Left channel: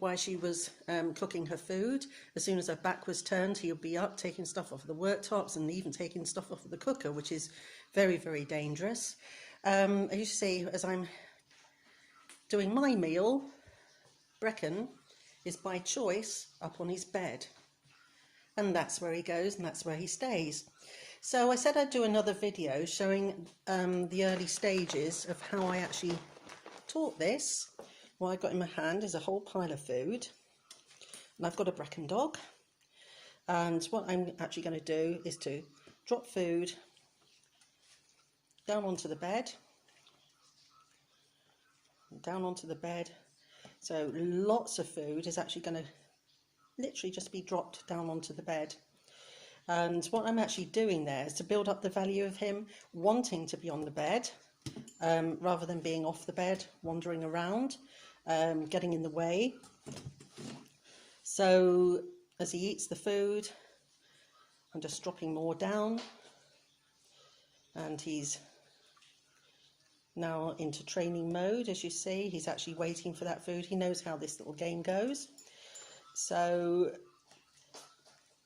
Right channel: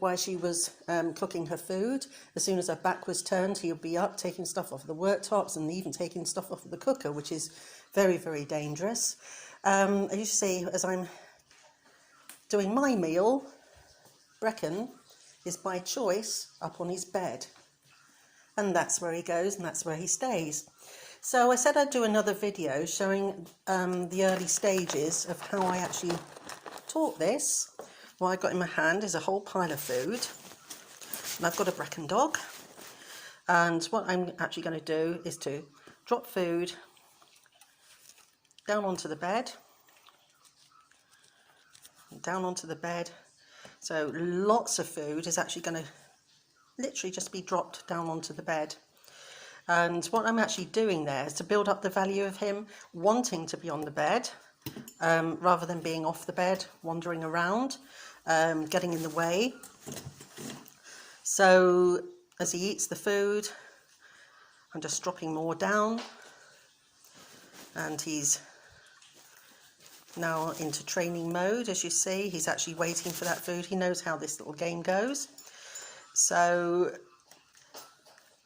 while she was cooking her food. As soon as her back was turned, he'll be up taking stuff off the worktops and even taking stuff off of the cooker, which is very, very dangerous. As you see, as I'm doing my meal, Brecon is by choice up on his bed, and that's where he goes and that's where he stays. So I said I'd do another video showing the early stages of how I actually taught this. What I've got in my hand is a whole pile of food, and I've got a Brecon dog, and what I'm actually going to do is to drop food down onto the bed, so lots of food is actually going to literally just be dropped down onto the bed. And what I'm actually doing there is to build up the value of him wanting to be on the bed, rather than being off the bed, wandering around, getting in the way. So as he eats the food, I'm just dropping more down, and he's now into training mode. As you see, he's actually waiting for that food. He knows how this little game goes. So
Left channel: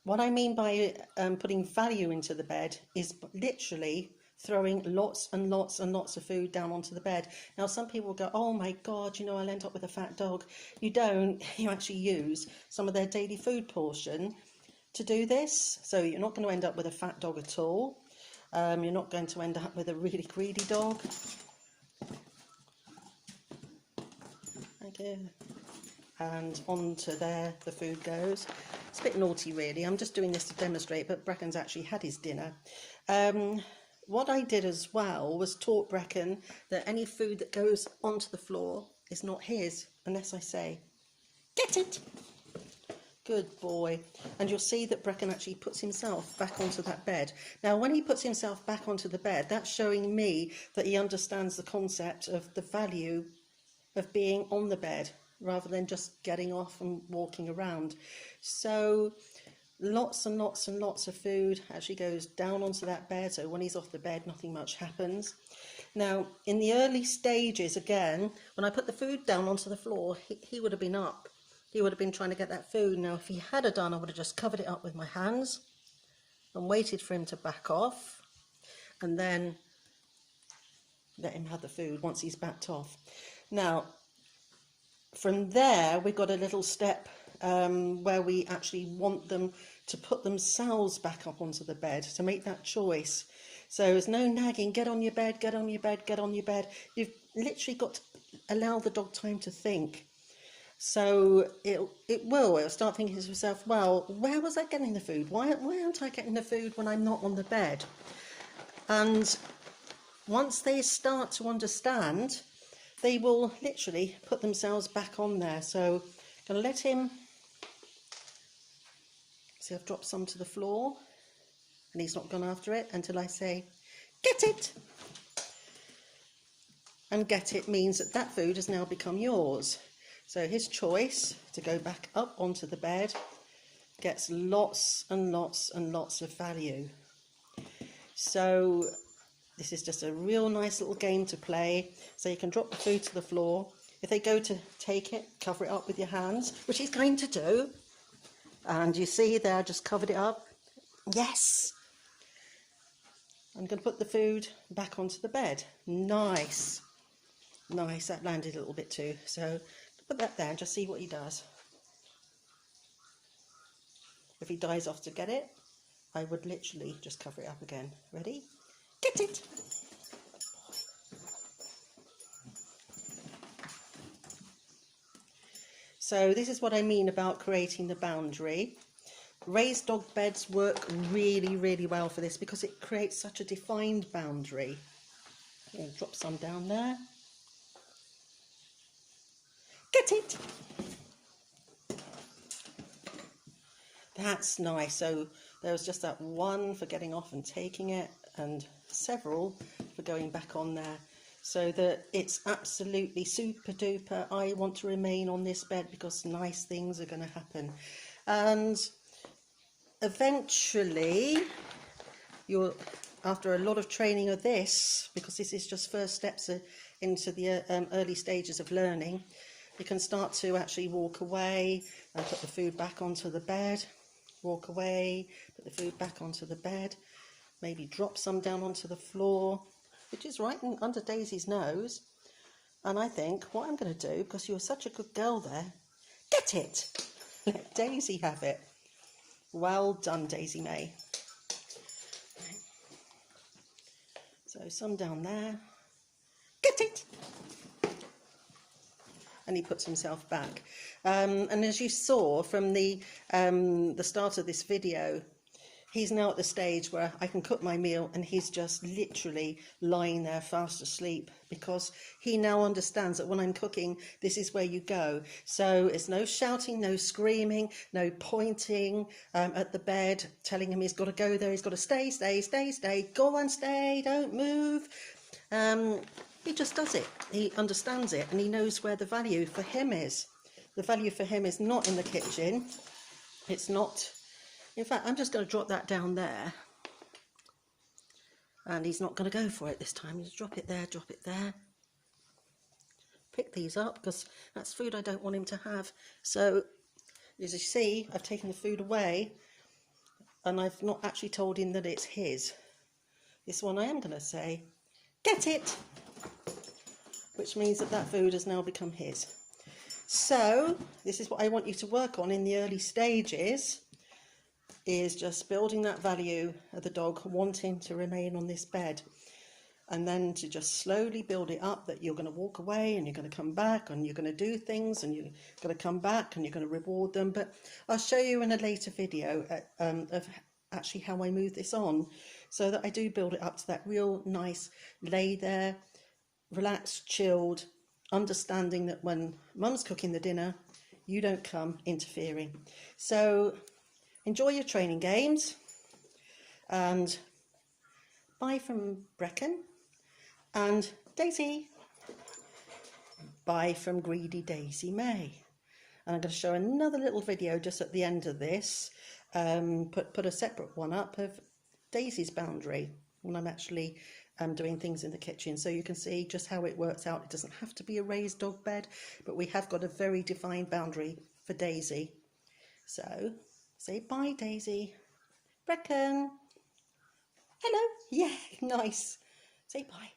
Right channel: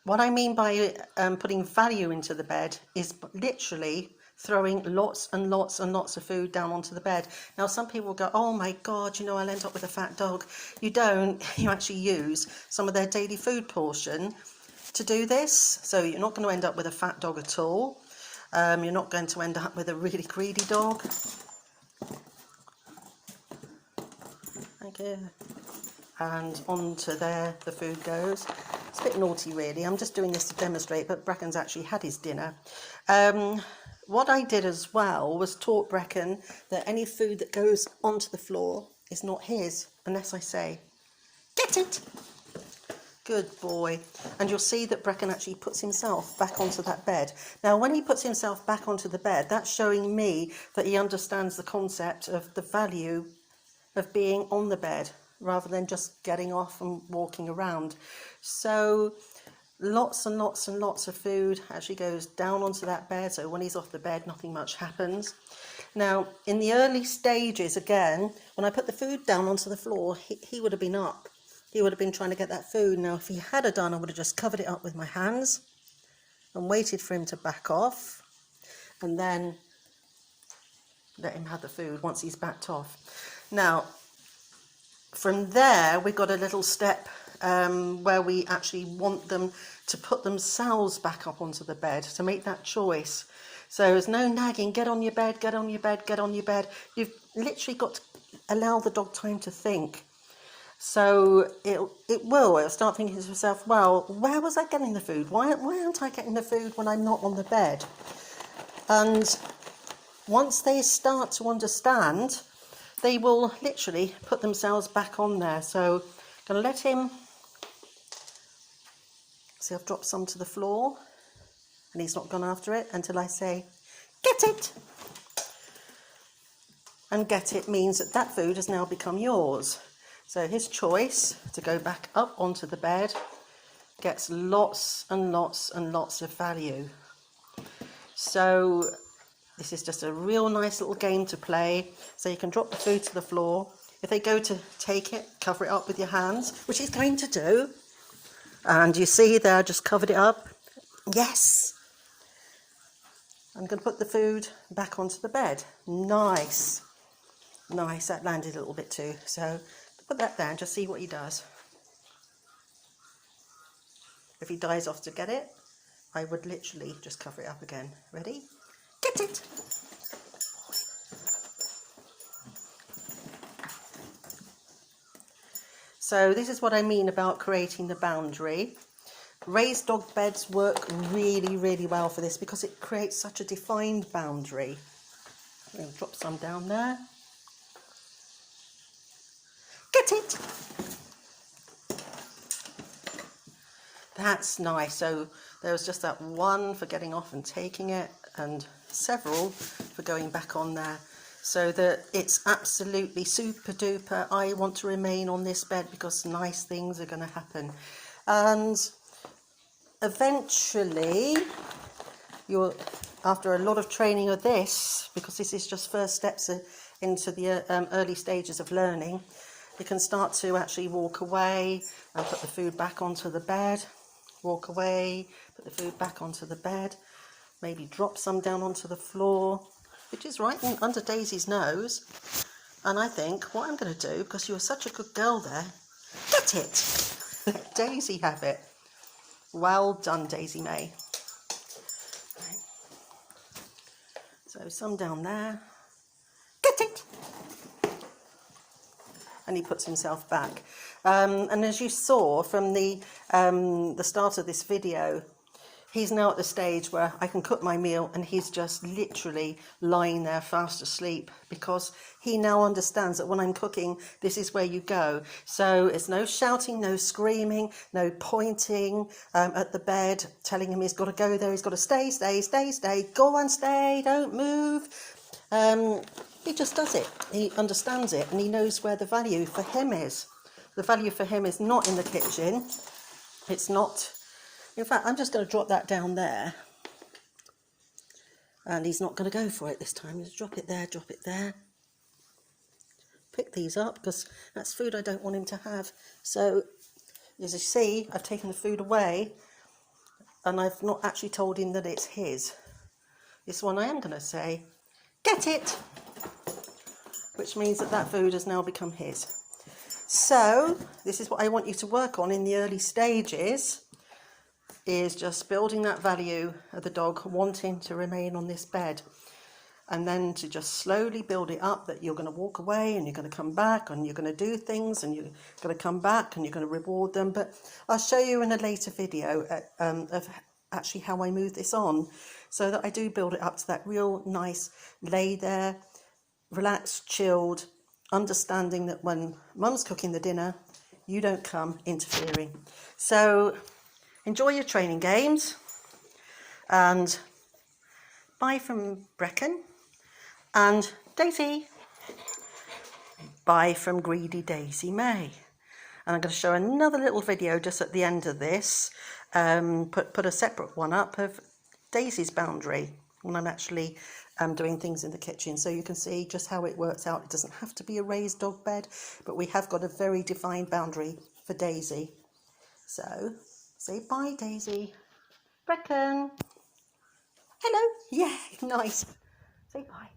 what I mean by putting value into the bed is literally throwing lots and lots and lots of food down onto the bed. Now, some people will go, oh my God, you know, I'll end up with a fat dog. You don't. You actually use some of their daily food portion to do this. So you're not going to end up with a fat dog at all. You're not going to end up with a really greedy dog. Thank you. And onto there the food goes. It's a bit naughty really. I'm just doing this to demonstrate, but Brecon's actually had his dinner. What I did as well was taught Brecon that any food that goes onto the floor is not his unless I say, get it! Good boy. And you'll see that Brecon actually puts himself back onto that bed. Now, when he puts himself back onto the bed, that's showing me that he understands the concept of the value of being on the bed rather than just getting off and walking around. So lots and lots and lots of food actually goes down onto that bed, so when he's off the bed nothing much happens. Now in the early stages, again, when I put the food down onto the floor, he would have been up. He would have been trying to get that food. Now if he had done, I would have just covered it up with my hands and waited for him to back off, and then let him have the food once he's backed off. Now from there we've got a little step where we actually want them to put themselves back up onto the bed, to make that choice. So there's no nagging, get on your bed, get on your bed, get on your bed. You've literally got to allow the dog time to think. So it'll start thinking to itself, well, where was I getting the food? Why aren't I getting the food when I'm not on the bed? And once they start to understand, they will literally put themselves back on there. So I'm going to let him. See, I've dropped some to the floor and he's not gone after it until I say, get it! And get it means that that food has now become yours. So his choice to go back up onto the bed gets lots and lots and lots of value. So this is just a real nice little game to play. So you can drop the food to the floor. If they go to take it, cover it up with your hands, which he's going to do. And you see there, I just covered it up. Yes. I'm going to put the food back onto the bed. Nice. Nice, that landed a little bit too. So put that there and just see what he does. If he dies off to get it, I would literally just cover it up again. Ready? Get it! So this is what I mean about creating the boundary. Raised dog beds work really, really well for this because it creates such a defined boundary. Drop some down there. Get it! That's nice. So there was just that one for getting off and taking it, and several for going back on there. So that it's absolutely super duper. I want to remain on this bed because nice things are going to happen. And eventually, after a lot of training of this, because this is just first steps into the early stages of learning, You can start to actually walk away and put the food back onto the bed. Walk away, put the food back onto the bed. Maybe drop some down onto the floor, which is right under Daisy's nose. And I think what I'm going to do, because you were such a good girl there, get it! Let Daisy have it. Well done, Daisy May. Right. So some down there. Get it! And he puts himself back. And as you saw from the start of this video, he's now at the stage where I can cook my meal and he's just literally lying there fast asleep, because he now understands that when I'm cooking, this is where you go. So it's no shouting, no screaming, no pointing at the bed, telling him he's got to go there, he's got to stay, stay, stay, stay, go and stay, don't move. He just does it. He understands it and he knows where the value for him is. The value for him is not in the kitchen. It's not... In fact, I'm just going to drop that down there. And he's not going to go for it this time. Just drop it there, drop it there. Pick these up, because that's food I don't want him to have. So, as you see, I've taken the food away and I've not actually told him that it's his. This one I am going to say, get it! Which means that that food has now become his. So, this is what I want you to work on in the early stages, is just building that value of the dog wanting to remain on this bed, and then to just slowly build it up that you're going to walk away and you're going to come back and you're going to do things and you're going to come back and you're going to reward them. But I'll show you in a later video of actually how I move this on, so that I do build it up to that real nice lay there, relaxed, chilled, understanding that when mum's cooking the dinner, you don't come interfering. So enjoy your training games, and bye from Brecon and Daisy. Bye from Greedy Daisy May. And I'm going to show another little video just at the end of this, put a separate one up of Daisy's boundary when I'm actually doing things in the kitchen, so you can see just how it works out. It doesn't have to be a raised dog bed, but we have got a very defined boundary for Daisy. So say bye, Daisy. Brecon. Hello. Yeah, nice. Say bye.